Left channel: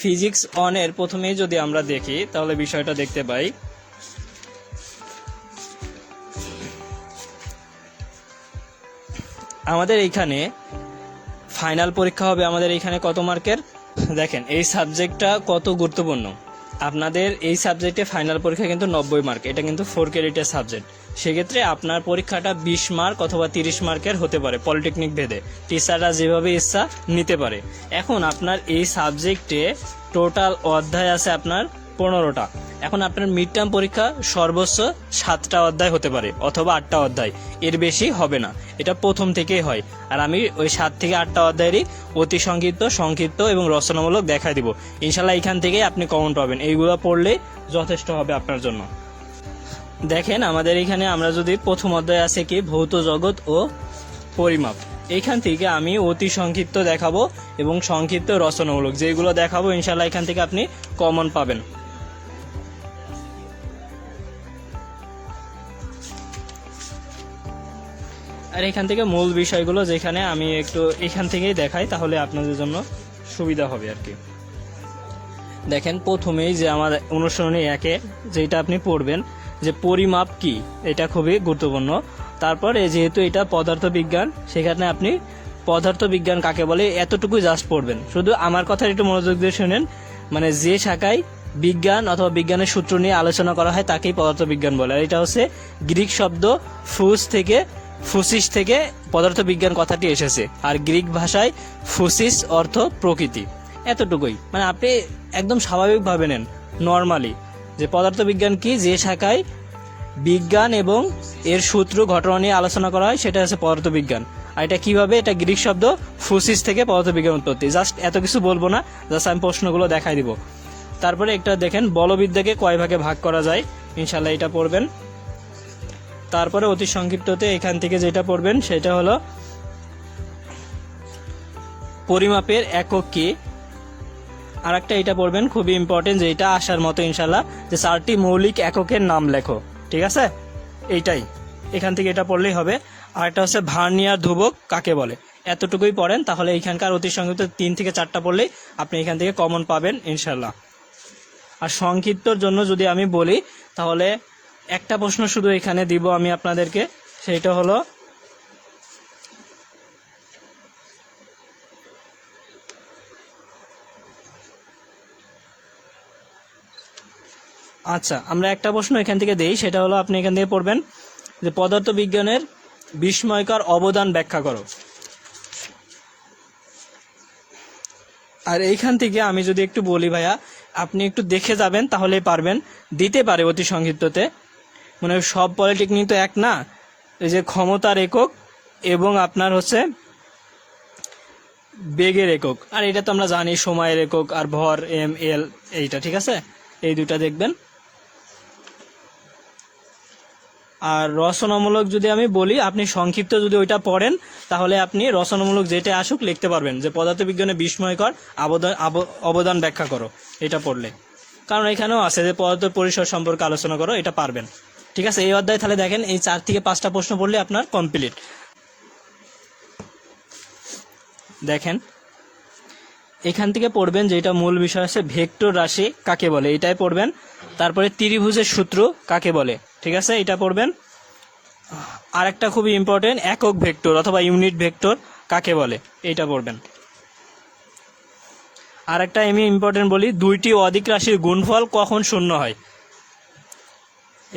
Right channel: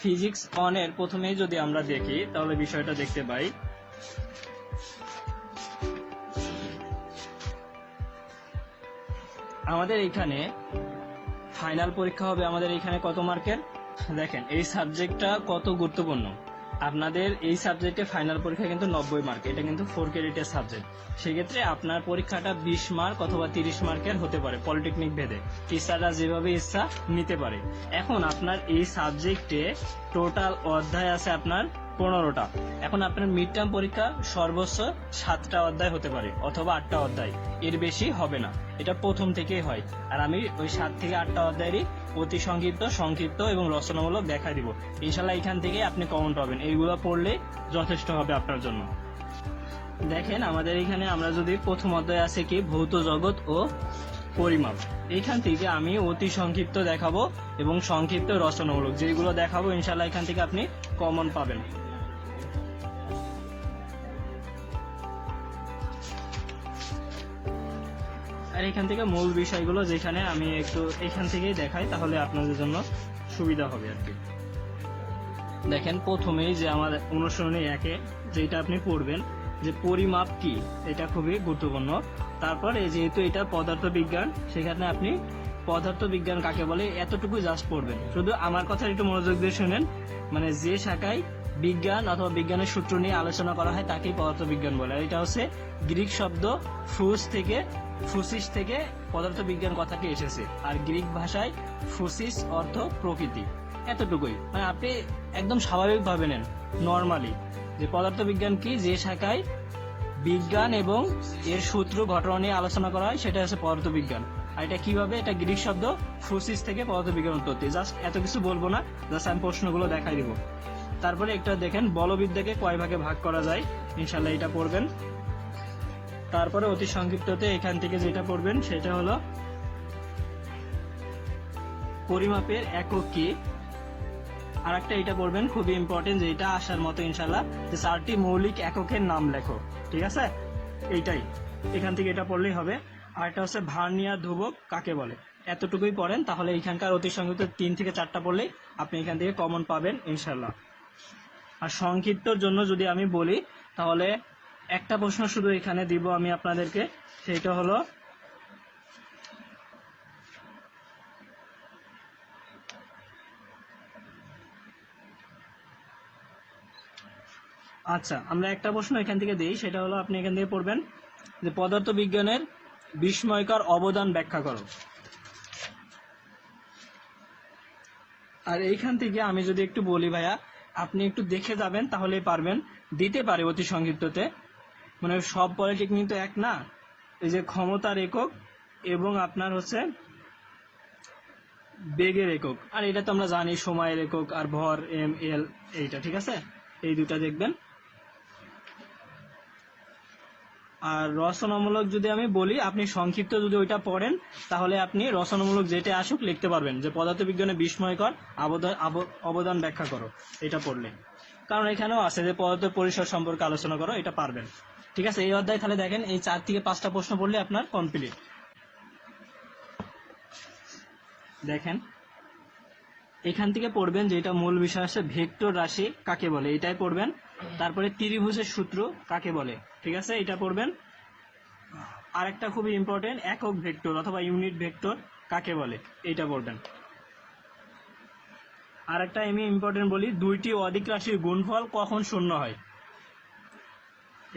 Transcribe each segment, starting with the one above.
Physics অনের প্রথমেই যদি আমরা দেখি তাহলে বিষয়টা দেখতে পাই। আমাদের এইখানে ফাইনাল পরীক্ষা হবে আমাদের এইখানে কত মার্কের। দেখেন এই সাবজেক্টটা কত গুরুত্বপূর্ণ। আপনাদের এই সাবজেক্টে ফাইনাল পরীক্ষা কিন্তু 90 মার্ক, এটা কিন্তু 4 ক্রেডিটের সাবজেক্ট। সেক্ষেত্রে আপনার পরীক্ষাটা 20 মার্ক অথবা 30 মার্কের হতে পারে পলিটেকনিক ভেদে, টিচাররা যেভাবে ইচ্ছা নিতে পারে। এখন আপনার এই সাবজেক্টে টোটাল অধ্যায় আছে আপনার 15টা। এখন আপনার মিড টার্ম পরীক্ষা সর্বোচ্চ 7টা অধ্যায় হতে পারে অথবা 8টা অধ্যায়, এর বেশি হবে না, এটা প্রথম থেকেই হয়। আর আমি ওই 7 থেকে 8টা অধ্যায়েরই অতি সংক্ষিপ্ত, সংক্ষিপ্ত এবং রচনামূলক দেখাই দিব। ইনশাল্লাহ এখান থেকেই আপনি কমন পাবেন, এইগুলো পড়লে যথেষ্ট হবে আপনার জন্য। দেখেন আমাদের এখানে আমরা যদি প্রথম অধ্যায় আছে কি ভৌত জগৎ ও পরিমাপ, এইখান থেকে আমি অতি সংক্ষিপ্ত দেখাবো এবং সংক্ষিপ্ত রচনামূলক যেগুলো দেখাবো ইনশাল্লাহ এখান থেকে আপনি কমন পাবেন। আর এখান থেকে মূল বিষয়গুলো যেখানে আমি একটু এখান থেকেই দেখাই তাহলে আপনাদের জন্য সুবিধা হবে আর কি। দেখেন প্রথমেই যে আমার অনুসরণী 1-এ যেটা আপনি পড়বেন যে পরিমাপ কি, এটা খুবই গুরুত্বপূর্ণ। তারপরে যেহেতু এটা পদার্থবিজ্ঞান, সেখানে আপনি পদার্থবিজ্ঞান কাকে বলে এতটুকুই জাস্ট পড়বেন। শুধু আমার কথা একটু মনোযোগ দিয়ে শুনেন, মানে যে শাখায় বিজ্ঞান অথবা বিজ্ঞানের সূত্র নিয়ে আলোচনা করা হয় তাকেই পদার্থবিজ্ঞান বলে। আর এটা হচ্ছে গ্রিক শব্দ ফুসিস থেকে পদার্থবিজ্ঞান কথাটি এসেছে। আর গ্রিক ভাষায় ফুসিস অর্থ প্রকৃতি। এতটুকুই, মানে আপনি একদম স্বাভাবিকভাবে নেন নর্মালি যে পদার্থবিজ্ঞান কি, যে শাখায় বিজ্ঞান এবং এর সূত্র ঘটনা নিয়ে আলোচনা করা হয় সেটা হচ্ছে পদার্থবিজ্ঞান। আর এটা কিভাবে, এটা গ্রিক শব্দ ফুসিস থেকে পদার্থবিজ্ঞান উৎপত্তি। জাস্ট এত কিছু বলবো না, জাস্ট আমি প্রশ্নগুলো দেখাই দিব। তারপরে একটা দেখেন বলবিদ্যাকে কয় ভাগে ভাগ করা যায়, ইনশাল্লাহ এটা পড়বেন। তারপরে অতি সংক্ষিপ্ততে এখান থেকে যেটা পড়বেন সেটা হলো পরিমাপের একক কি। আর একটা এটা পড়বেন খুবই ইম্পর্টেন্ট, যেটা আসার মতো ইনশাল্লাহ, যে 4টি মৌলিক এককের নাম লেখো। ঠিক আছে, এইটাই এখান থেকে এটা পড়লেই হবে। আর একটা হচ্ছে ভার্নিয়ার ধ্রুবক কাকে বলে। এতটুকুই পড়েন, তাহলে এইখানকার অতি সংক্ষিপ্ত 3 থেকে 4টা পড়লেই আপনি এখান থেকে কমন পাবেন ইনশাল্লাহ। আর সংক্ষিপ্তর জন্য যদি আমি বলি তাহলে একটা প্রশ্ন শুধু এখানে দিব আমি আপনাদেরকে, সেইটা হলো আচ্ছা আমরা একটা প্রশ্ন এখান থেকে দেই, সেটা হলো আপনি এখান থেকে পড়বেন যে পদার্থবিজ্ঞানের বিস্ময়কর অবদান ব্যাখ্যা করো। আর এইখান থেকে আমি যদি একটু বলি ভাইয়া, আপনি একটু দেখে যাবেন তাহলেই পারবেন। দিতে পারে অতি সংক্ষিপ্ততে, মানে সব পলিটেকনিক তো এক না, এই যে ক্ষমতার একক এবং আপনার হচ্ছে বেগের একক, আর এটা তো আমরা জানি সময়ের একক, আর ভর ml, এইটা ঠিক আছে, এই দুটা দেখবেন। আর রচনামূলক যদি আমি বলি, আপনি সংক্ষিপ্ত যদি ওইটা পড়েন তাহলে আপনি রচনামূলক যেটা আসুক লিখতে পারবেন, যে পদার্থবিজ্ঞানে বিস্ময়কর অবদান ব্যাখ্যা করো, এটা পড়লে। কারণ এখানেও আছে যে পদার্থ পরিসর সম্পর্কে আলোচনা করো, এটা পারবেন। ঠিক আছে, এই অধ্যায় তাহলে দেখেন এই 4 থেকে 5টা প্রশ্ন পড়লে আপনার কমপ্লিট। দেখেন এখান থেকে পড়বেন যেটা মূল বিষয় আছে ভেক্টর রাশি কাকে বলে, এটাই পড়বেন। তারপরে ত্রিভুজের সূত্র কাকে বলে, ঠিক আছে, এটা পড়বেন। আর একটা খুবই ইম্পর্টেন্ট, একক ভেক্টর অথবা ইউনিট ভেক্টর কাকে বলে, এইটা পড়বেন। আর একটা আমি ইম্পর্টেন্ট বলি, 2টি অধিক রাশির গুণফল কখন শূন্য হয়,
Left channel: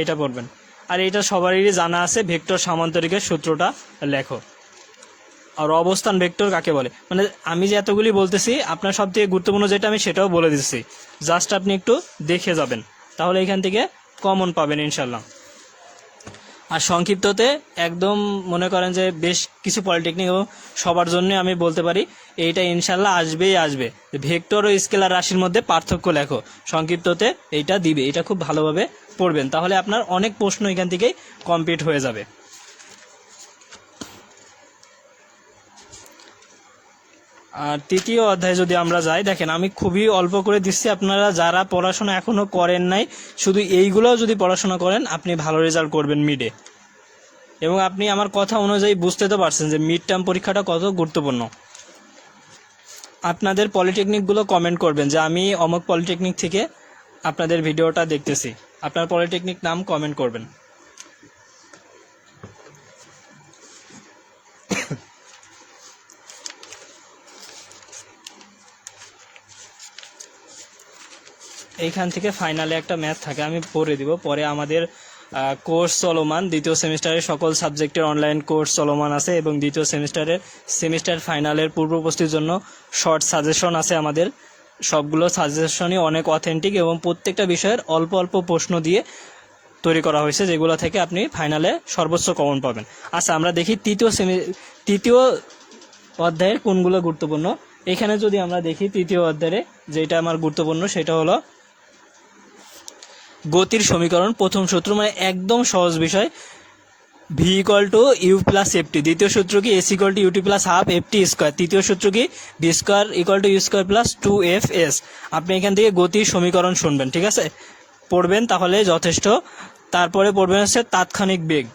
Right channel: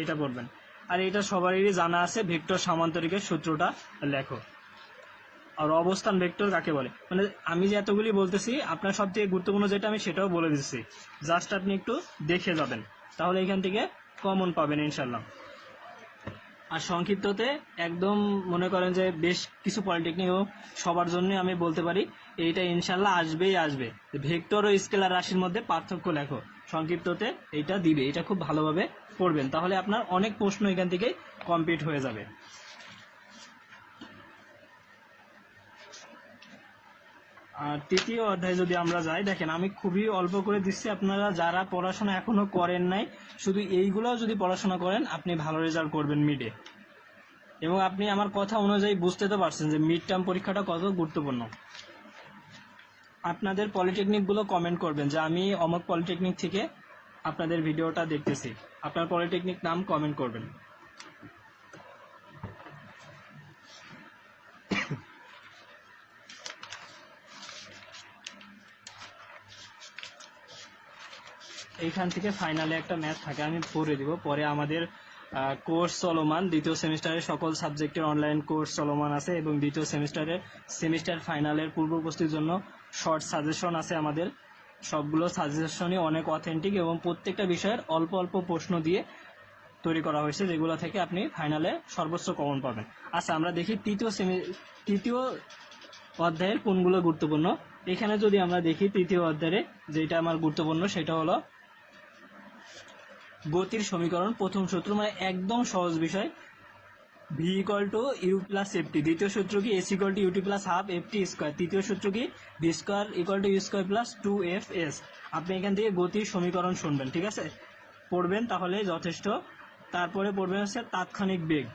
এটা পড়বেন। আর এটা সবারই জানা আছে, ভেক্টর সামান্তরিকের সূত্রটা লেখো। আর অবস্থান ভেক্টর কাকে বলে, মানে আমি যে এতগুলি বলতেছি আপনার সব থেকে গুরুত্বপূর্ণ যেটা আমি সেটাও বলে দিচ্ছি, জাস্ট আপনি একটু দেখে যাবেন তাহলে এখান থেকে কমন পাবেন ইনশাল্লাহ। আর সংক্ষিপ্ততে একদম মনে করেন যে বেশ কিছু পলিটেকনিক সবার জন্য আমি বলতে পারি এইটা ইনশাল্লাহ আসবেই আসবে, ভেক্টর ও স্কেলার রাশির মধ্যে পার্থক্য লেখো, সংক্ষিপ্ততে এইটা দিবে, এটা খুব ভালোভাবে পড়বেন তাহলে আপনার অনেক প্রশ্ন এখান থেকেই কমপ্লিট হয়ে যাবে। আর তৃতীয় অধ্যায় যদি আমরা যাই, দেখেন আমি খুবই অল্প করে দিচ্ছি, আপনারা যারা পড়াশোনা এখনো করেন নাই শুধু এইগুলোও যদি পড়াশোনা করেন আপনি ভালো রেজাল্ট করবেন মিডে। এবং আপনি আমার কথা অনুযায়ী বুঝতে তো পারছেন যে মিড টার্ম পরীক্ষাটা কত গুরুত্বপূর্ণ। আপনাদের পলিটেকনিকগুলো কমেন্ট করবেন যে আমি অমুক পলিটেকনিক থেকে আপনাদের ভিডিওটা দেখতেছি, আপনার পলিটেকনিক নাম কমেন্ট করবেন। এইখান থেকে ফাইনালে একটা ম্যাথ থাকে, আমি পড়ে দিব। পরে আমাদের কোর্স চলমান, দ্বিতীয় সেমিস্টারের সকল সাবজেক্টের অনলাইন কোর্স চলমান আছে এবং দ্বিতীয় সেমিস্টার ফাইনালের পূর্ব প্রস্তুতির জন্য শর্ট সাজেশন আছে আমাদের। সবগুলো সাজেশনই অনেক অথেন্টিক এবং প্রত্যেকটা বিষয়ের অল্প অল্প প্রশ্ন দিয়ে তৈরি করা হয়েছে, যেগুলো থেকে আপনি ফাইনালে সর্বোচ্চ কমন পাবেন। আচ্ছা, আমরা দেখি তৃতীয় অধ্যায়ের কোনগুলো গুরুত্বপূর্ণ। এখানে যদি আমরা দেখি তৃতীয় অধ্যায়ে যেটা আমার গুরুত্বপূর্ণ সেটা হলো গতির সমীকরণ। প্রথম সূত্র, মানে একদম সহজ বিষয়, V equal to U plus F T. দ্বিতীয় সূত্র কি S equal to U T plus half F T square. তৃতীয় সূত্র কি V square equal to U square plus 2fs। আপনি এখান থেকে গতির সমীকরণ শুনবেন, ঠিক আছে, পড়বেন, তাহলে যথেষ্ট। তারপরে পড়বেন হচ্ছে তাৎক্ষণিক বেগ,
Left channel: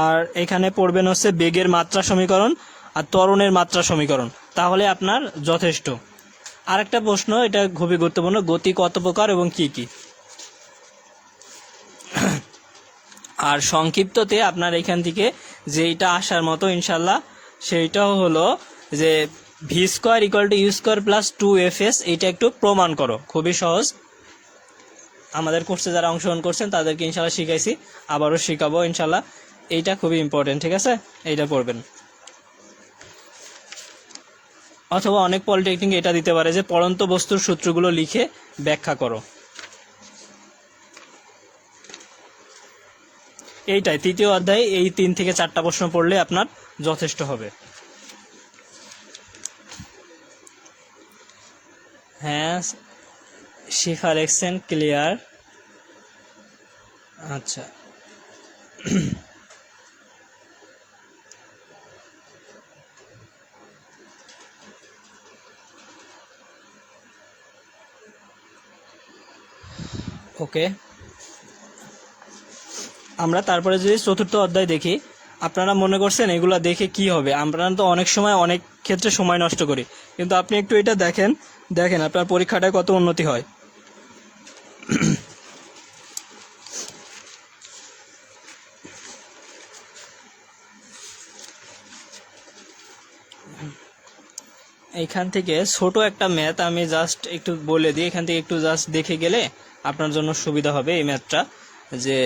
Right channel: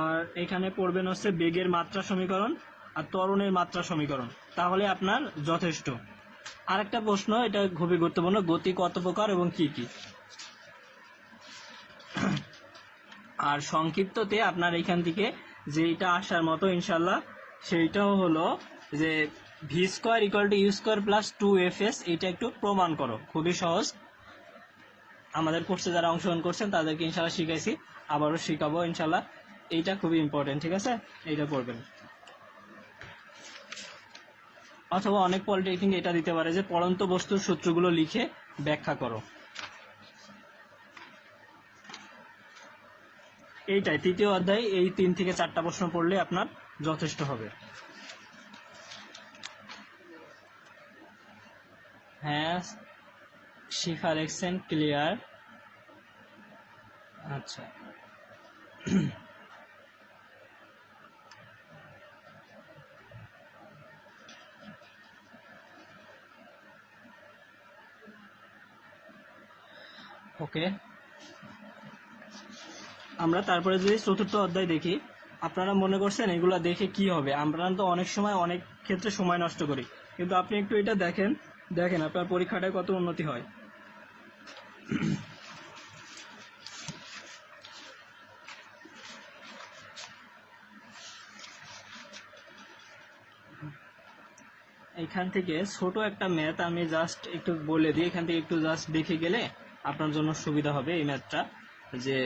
আর এখানে পড়বেন হচ্ছে বেগের মাত্রা সমীকরণ আর ত্বরণের মাত্রা সমীকরণ, তাহলে আপনার যথেষ্ট। আর একটা প্রশ্ন, এটা খুবই গুরুত্বপূর্ণ, গতি কত প্রকার এবং কি কি। আর সংক্ষিপ্ততে আপনার এখান থেকে যেইটা আসার মতো ইনশাল্লাহ সেইটাও হলো যে V square equal to U square plus 2fs। এইটা একটু প্রমাণ করো, খুবই সহজ। আমাদের কোর্সে যারা অংশগ্রহণ করছেন তাদেরকে ইনশাল্লাহ শিখাইছি, আবারও শিখাবো ইনশাল্লাহ। এইটা খুবই ইম্পর্টেন্ট, ঠিক আছে, এইটা পড়বেন। অথবা অনেক পলিটেকনিক এটা দিতে পারে যে পড়ন্ত বস্তুর সূত্রগুলো লিখে ব্যাখ্যা করো। এইটাই তৃতীয় অধ্যায়, এই 3 থেকে 4টা প্রশ্ন পড়লে আপনার যথেষ্ট হবে। হ্যাঁ, শিফা লেখছেন ক্লিয়ার। আচ্ছা, ওকে। আমরা তারপরে যদি চতুর্থ অধ্যায় দেখি, আপনারা মনে করছেন এগুলো দেখে কি হবে, আমরা তো অনেক সময় অনেক ক্ষেত্রে সময় নষ্ট করি, কিন্তু আপনি একটু এটা দেখেন আপনার পরীক্ষাটায় কত উন্নতি হয়। এইখান থেকে ছোট একটা ম্যাথ আমি জাস্ট একটু বলে দিই, এখান থেকে একটু জাস্ট দেখে গেলে আপনার জন্য সুবিধা হবে এই ম্যাথটা। যে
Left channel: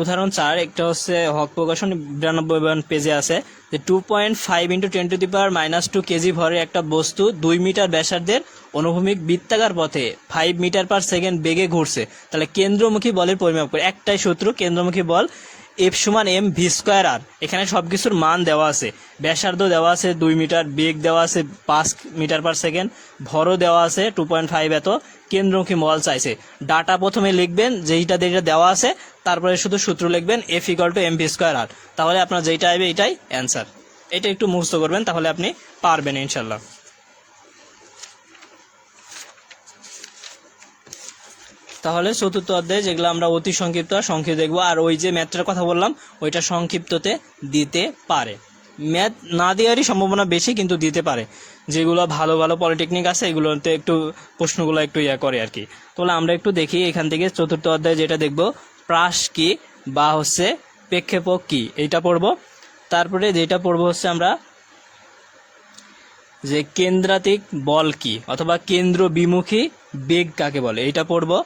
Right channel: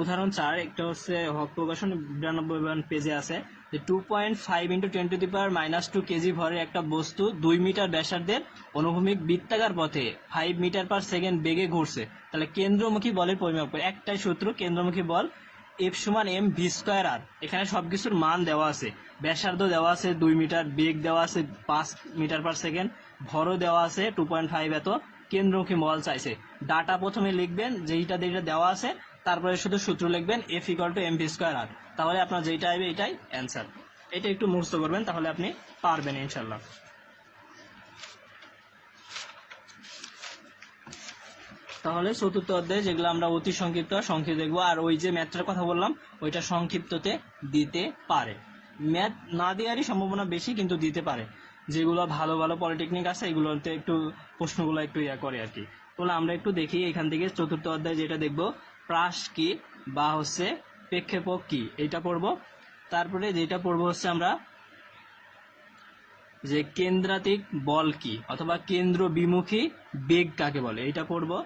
উদাহরণ 4, একটা হচ্ছে হক প্রকাশন 92 পেজে আছে যে 2.5 × 10⁻² কেজি ভরের একটা বস্তু 2 মিটার ব্যাসার্ধের অনুভূমিক বৃত্তাকার পথে 5 মিটার/সেকেন্ড বেগে ঘুরছে, তাহলে কেন্দ্রমুখী বলের পরিমাপ করে। একটাই সূত্র, কেন্দ্রমুখী বল F = mv²r। এখানে সবকিছুর মান দেওয়া আছে, ব্যাসার্ধ দেওয়া আছে 2 মিটার, বেগ দেওয়া আছে 5 মিটার/সেকেন্ড, ভরও দেওয়া আছে 2.5 এত, কেন্দ্রমুখী বল চাইছে। ডাটা প্রথমে লিখবেন যেটা দেওয়া আছে, তারপরে শুধু সূত্র লিখবেন F = mv²r, তাহলে আপনার যেটা আসবে এটাই অ্যান্সার। এটা একটু মুখস্থ করবেন, তাহলে আপনি পারবেন ইনশাল্লাহ। তাহলে চতুর্থ অধ্যায়ে যেগুলো আমরা অতি সংক্ষিপ্ত দেখবো, আর ওই যে ম্যাথটার কথা বললাম ওইটা সংক্ষিপ্ততে দিতে পারে। ম্যাথ না দেওয়ারই সম্ভাবনা বেশি, কিন্তু দিতে পারে। যেগুলো ভালো ভালো পলিটেকনিক আছে এগুলোতে একটু প্রশ্নগুলো একটু করে আর কি। তাহলে আমরা একটু দেখি এখান থেকে চতুর্থ অধ্যায়ে যেটা দেখবো, প্রাস কি বা হচ্ছে প্রেক্ষেপক কি, এইটা পড়বো। তারপরে যেটা পড়বো হচ্ছে আমরা যে কেন্দ্রাতিক বল কি অথবা কেন্দ্র বিমুখী বেগ কাকে বলে, এইটা পড়বো।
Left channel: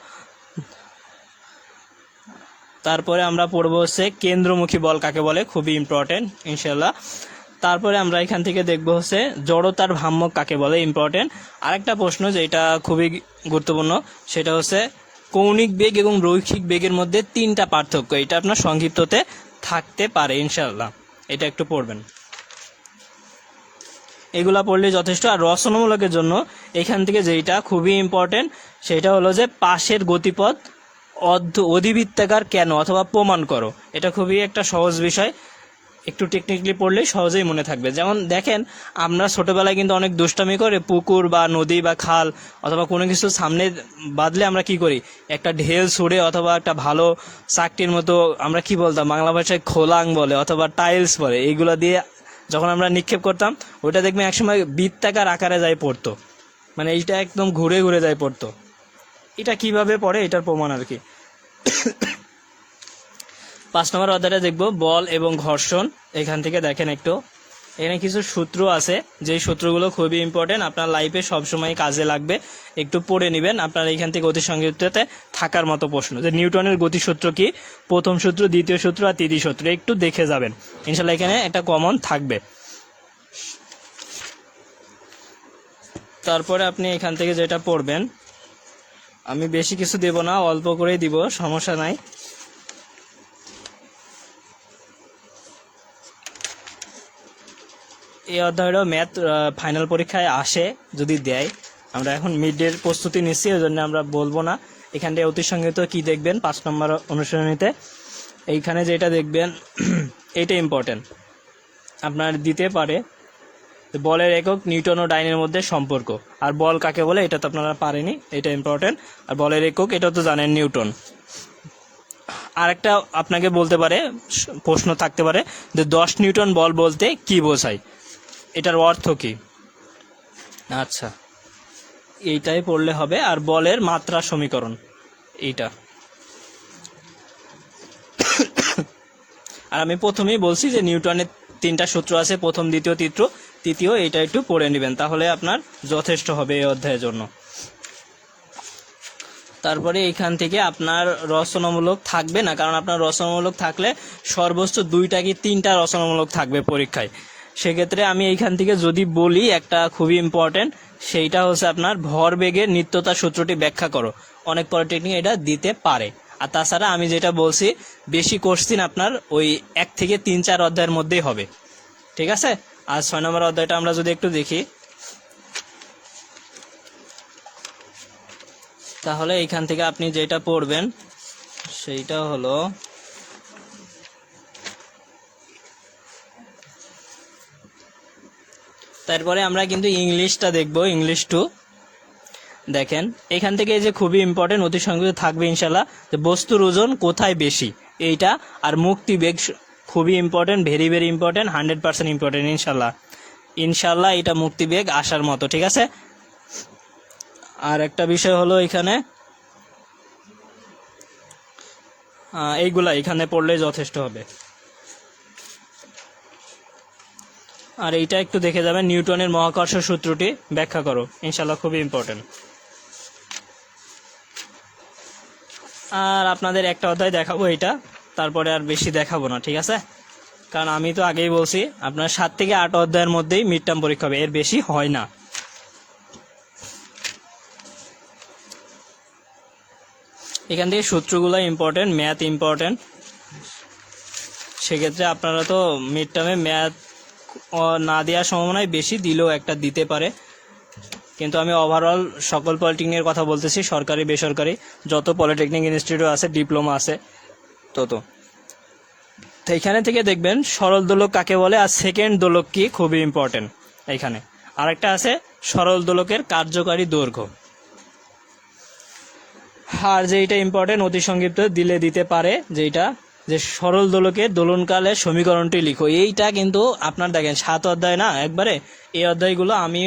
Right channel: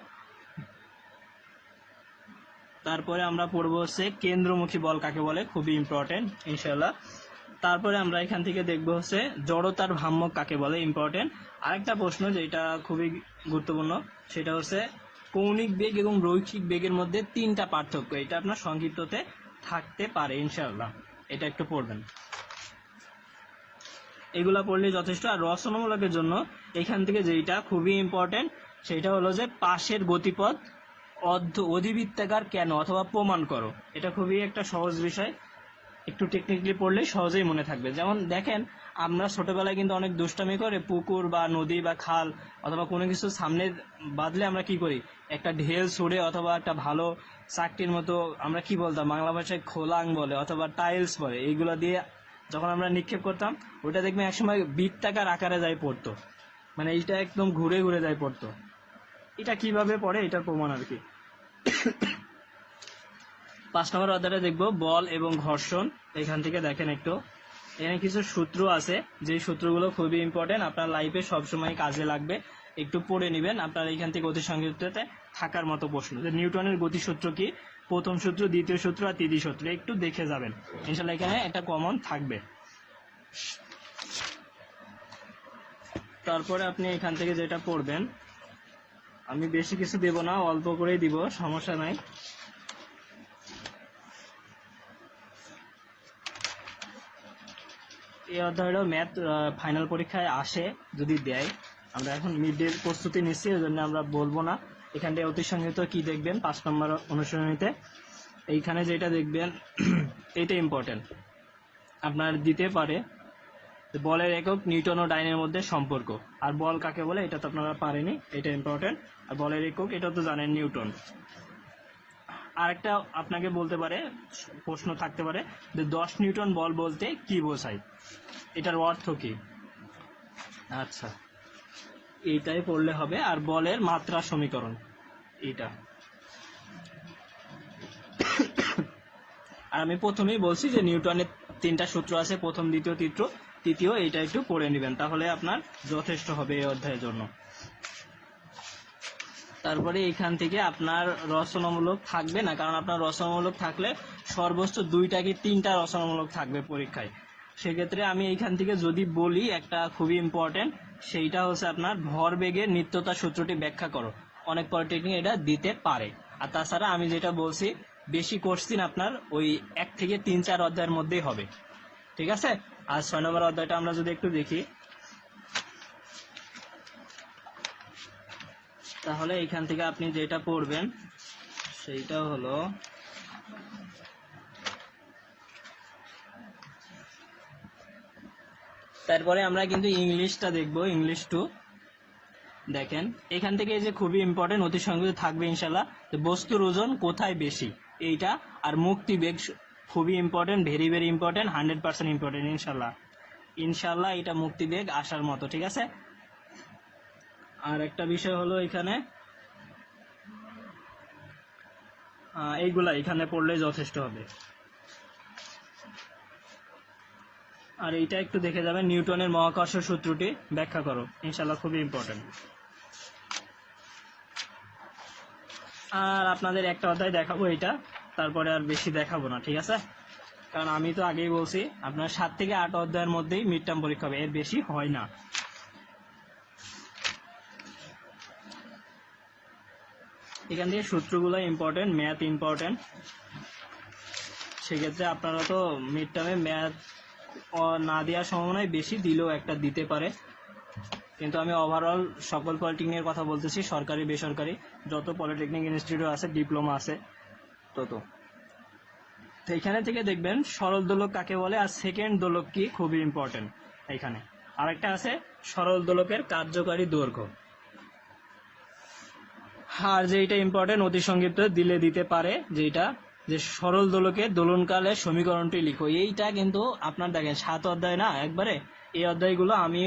তারপরে আমরা পড়বো হচ্ছে কেন্দ্রমুখী বল কাকে বলে, খুবই ইম্পর্টেন্ট ইনশাল্লাহ। তারপরে আমরা এখান থেকে দেখবো হচ্ছে জড়তার ভ্রাম্যক কাকে বলে, ইম্পর্টেন্ট। আরেকটা প্রশ্ন যেটা খুবই গুরুত্বপূর্ণ সেটা হচ্ছে কৌণিক বেগ এবং রৈখিক বেগের মধ্যে 3টা পার্থক্য, এটা আপনার সংক্ষিপ্ততে থাকতে পারে ইনশাল্লাহ, এটা একটু পড়বেন। এগুলা পড়লে যথেষ্ট। আর রচনামূলকের জন্য এখান থেকে যেটা খুবই ইম্পর্টেন্ট সেটা হলো যে পাশের গতিপথ অধিবৃত্তাকার কেন অথবা প্রমাণ করো। এটা খুবই একটা সহজ বিষয়, একটু টেকনিক্যালি পড়লেই সহজেই মনে থাকবে। যেমন দেখেন, আমরা ছোটবেলায় কিন্তু অনেক দুষ্টামি করে পুকুর বা নদী বা খাল অথবা কোনো কিছু সামনে বাঁধলে আমরা কি করি, একটা ঢেল ছুঁড়ে অথবা একটা ভালো চাকটির মতো, আমরা কি বলতাম বাংলা ভাষায় খোলাং বলে অথবা টাইলস বলে, এইগুলো দিয়ে যখন আমরা নিক্ষেপ করতাম ওটা দেখবেন একসময় বৃত্তাকার আকারে যায় পড়তো, মানে এইটা একদম ঘুরে ঘুরে যায় পড়তো। এটা কিভাবে পড়ে এটার প্রমাণ আর কি। 5 নম্বর অধ্যায়টা দেখব বল এবং ঘর্ষণ। এখান থেকে দেখেন একটু, এখানে কিছু সূত্র আছে, যেই সূত্রগুলো খুবই ইম্পর্টেন্ট, আপনার লাইফে সবসময় কাজে লাগবে, একটু পড়ে নেবেন। আপনার এইখান থেকে অতি সংক্ষিপ্ততে থাকার মতো প্রশ্ন, যে নিউটনের গতিসূত্র কি, প্রথম সূত্র, দ্বিতীয় সূত্র আর তৃতীয় সূত্র একটু দেখে যাবেন, ইনশাল্লাহ এখানে একটা কমন থাকবে। তারপরে আপনি এখান থেকে যেটা পড়বেন, আমি বেশি কিছু দেব না, অল্প করেই দিব, সমস্যা নাই। এই অধ্যায়টা ম্যাথ ফাইনাল পরীক্ষায় আসে যদি দেয়। আমরা এখন মিডের প্রস্তুতি নিচ্ছি, ওই জন্য আমরা বলবো না। এখানটায় অতি সংগীত কি দেখবেন 5 নম্বর অনুশীলনীতে, এইখানে যেটা দেখবেন এটা ইম্পর্টেন্ট, আপনার দিতে পারে বলের একক নিউটন ও ডাইনের মধ্যে সম্পর্ক, আর বল কাকে বলে এটা তো আপনারা পারেনি, এটা ইম্পর্টেন্ট। আর বলের একক এটা তো জানেন নিউটন। আর একটা আপনাকে বলতে পারে, প্রশ্ন থাকতে পারে যে 10 নিউটন বল বলতে কি বোঝায়, এটার অর্থ কি। আচ্ছা, এইটাই পড়লে হবে। আর বলের মাত্রা সমীকরণ এইটা। আর আমি প্রথমেই বলছি যে নিউটনের 3টা সূত্র আছে, প্রথম, দ্বিতীয়, তৃতীয়, এইটা একটু পড়ে নেবেন, তাহলে আপনার যথেষ্ট হবে এই অধ্যায়ের জন্য। তারপরে এইখান থেকে আপনার রচনামূলক থাকবে না, কারণ আপনার রচনামূলক থাকলে সর্বোচ্চ 2টা কি 3টা রচনামূলক থাকবে পরীক্ষায়। সেক্ষেত্রে আমি এইখান থেকে যদি বলি একটা খুবই ইম্পর্টেন্ট, সেইটা হচ্ছে আপনার ভরবেগের নিত্যতা সূত্রটি ব্যাখ্যা করো। অনেক পলিটেকনিক এটা দিতে পারে। আর তাছাড়া আমি যেটা বলছি, বেশি কোশ্চিন আপনার ওই 1 থেকে 3-4 অধ্যায়ের মধ্যেই হবে, ঠিক আছে। আর 6 নম্বর অধ্যায়টা আমরা যদি একটু দেখি, তাহলে এইখান থেকে আপনি যেটা পড়বেন সেইটা হলো তারপরে আমরা কিন্তু ইংলিশটা দেখব, ইংলিশ 2। দেখেন এখান থেকে যে খুবই ইম্পর্টেন্ট, অতি সংক্ষিপ্ত থাকবে ইনশাল্লাহ, যে বস্তুর ওজন কোথায় বেশি এইটা, আর মুক্তিবেগ খুবই important, very very important, 100% important ইনশাল্লাহ এটা মুক্তিবেগ আসার মতো, ঠিক আছে। আর একটা বিষয় হলো এখানে এইগুলা এখানে পড়লেই যথেষ্ট হবে। আর এইটা একটু দেখে যাবেন, নিউটনের মহাকর্ষ সূত্রটি ব্যাখ্যা করো, ইনশাল্লাহ খুবই ইম্পর্টেন্ট। আর আপনাদের একটা অধ্যায় দেখাবো এটা, তারপরে আর বেশি দেখাবো না, ঠিক আছে। কারণ আমি তো আগেই বলছি আপনার 7 থেকে 8 অধ্যায়ের মধ্যেই মিড টার্ম পরীক্ষা হবে, এর বেশি হয় না। এখান থেকে সূত্রগুলো ইম্পর্টেন্ট, ম্যাথ ইম্পর্টেন্ট। সেক্ষেত্রে আপনারা তো মিড টার্মে ম্যাথ না দেওয়ার সম্ভাবনায় বেশি, দিলেও একটা দিতে পারে। কিন্তু আমি ওভারঅল সকল পলিটেকনিকের কথা বলতেছি, সরকারি বেসরকারি যত পলিটেকনিক ইনস্টিটিউট আছে, ডিপ্লোমা আছে তত। তো এখানে থেকে দেখবেন সরল দোলক কাকে বলে আর সেকেন্ড দোলক কি, খুবই ইম্পর্টেন্ট। এখানে আরেকটা আছে সরল দোলকের কার্যকারী দৈর্ঘ্য। আর যেটা ইম্পর্টেন্ট, অতি সংক্ষিপ্ত দিলে দিতে পারে, যেটা যে সরল দোলকের দোলনকালের সমীকরণটি লিখো। এইটা কিন্তু আপনার দেখেন 7 অধ্যায় না একবারে, এই অধ্যায়গুলো আমি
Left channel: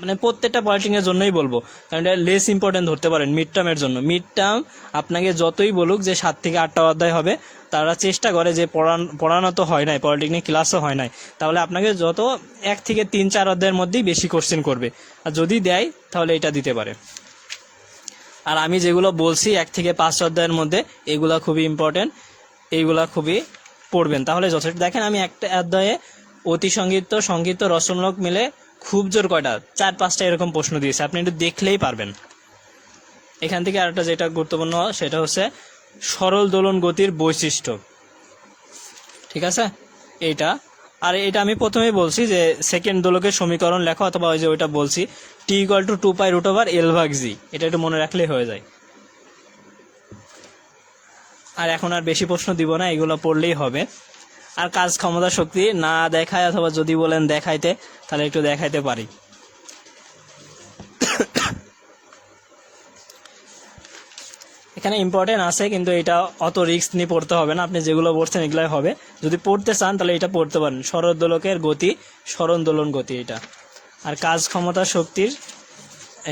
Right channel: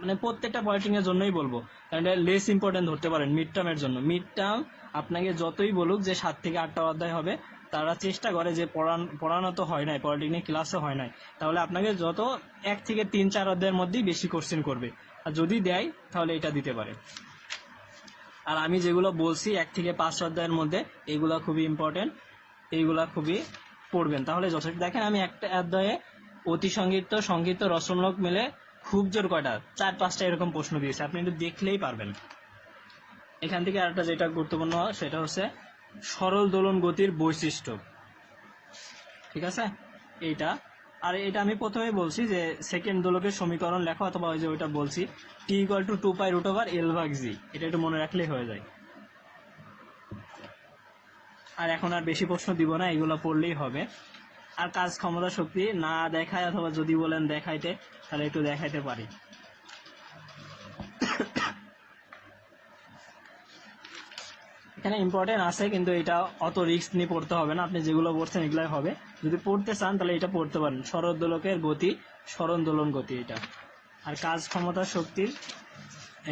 মানে প্রত্যেকটা পলিটেকনিকের জন্যই বলবো, কারণ এটা লেস ইম্পর্টেন্ট ধরতে পারেন মিড টার্মের জন্য। মিড টার্ম আপনাকে যতই বলুক যে 7 থেকে 8টা অধ্যায় হবে, তারা চেষ্টা করে যে পড়ানো তো হয় নাই, পলিটেকনিক ক্লাসও হয় নাই, তাহলে আপনাকে যত 1 থেকে 3-4 অধ্যায়ের মধ্যেই বেশি কোশ্চেন করবে। আর যদি দেয় তাহলে এটা দিতে পারে। আর আমি যেগুলো বলছি 1 থেকে 5 অধ্যায়ের মধ্যে, এগুলা খুবই ইম্পর্টেন্ট, এইগুলা খুবই পড়বেন, তাহলে যথেষ্ট। দেখেন আমি একটা অধ্যায়ে অতি সংক্ষিপ্ত, সংক্ষিপ্ত, রচনামূলক মিলে খুব জোর কয়টা 4-5টা এরকম প্রশ্ন দিয়েছে, আপনি একটু দেখলেই পারবেন। এখান থেকে আরেকটা যেটা গুরুত্বপূর্ণ সেটা হচ্ছে সরল দোলন গতির বৈশিষ্ট্য, ঠিক আছে এইটা। আর এটা আমি প্রথমেই বলছি যে সেকেন্ড দোলকের সমীকরণ লেখো, অথবা ওই যে ওইটা বলছি t = 2π√L/g, এটা একটু মনে রাখলেই হয়ে যায়। আর এখন আর বেশি প্রশ্ন দিব না, এগুলো পড়লেই হবে। আর কাজ ক্ষমতা শক্তি না দেখায়, অথবা যদি বলেন দেখাইতে, তাহলে একটু দেখাইতে পারি। এখানে ইম্পর্টেন্ট আছে, কিন্তু এটা অত রিস্ক নিয়ে পড়তে হবে না, আপনি যেগুলো পড়ছেন এগুলাই হবে। যদি পড়তে চান তাহলে এটা পড়তে পারেন, সরলদোলকের গতি, সরণ দোলন গতি এটা। আর কাজ ক্ষমতা শক্তির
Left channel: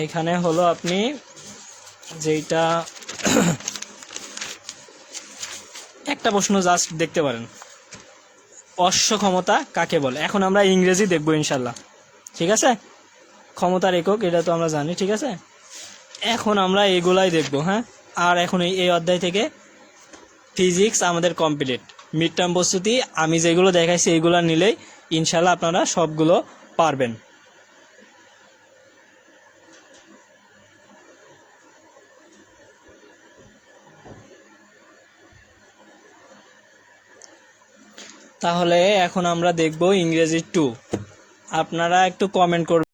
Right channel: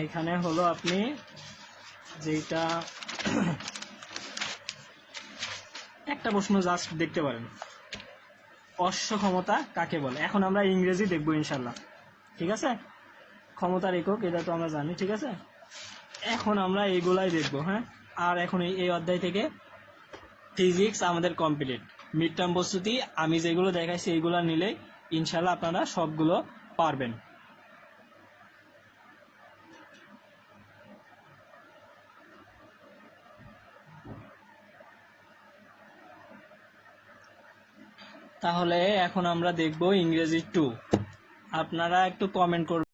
এইখানে হলো আপনি যেটা একটা প্রশ্ন জাস্ট দেখতে পারেন, অশ্ব ক্ষমতা কাকে বলে। এখন আমরা ইংরেজি দেখবো ইনশাল্লাহ, ঠিক আছে। ক্ষমতার একক এটা তো আমরা জানি, ঠিক আছে। এখন আমরা এগুলাই দেখবো, হ্যাঁ। আর এখন এই অধ্যায় থেকে ফিজিক্স আমাদের কমপ্লিট। মিড টার্ম প্রস্তুতি আমি যেগুলো দেখাইছি এইগুলো নিলেই ইনশাল্লাহ আপনারা সবগুলো পারবেন। তাহলে এখন আমরা দেখব ইংরেজি 2। আপনারা একটু কমেন্ট করবেন।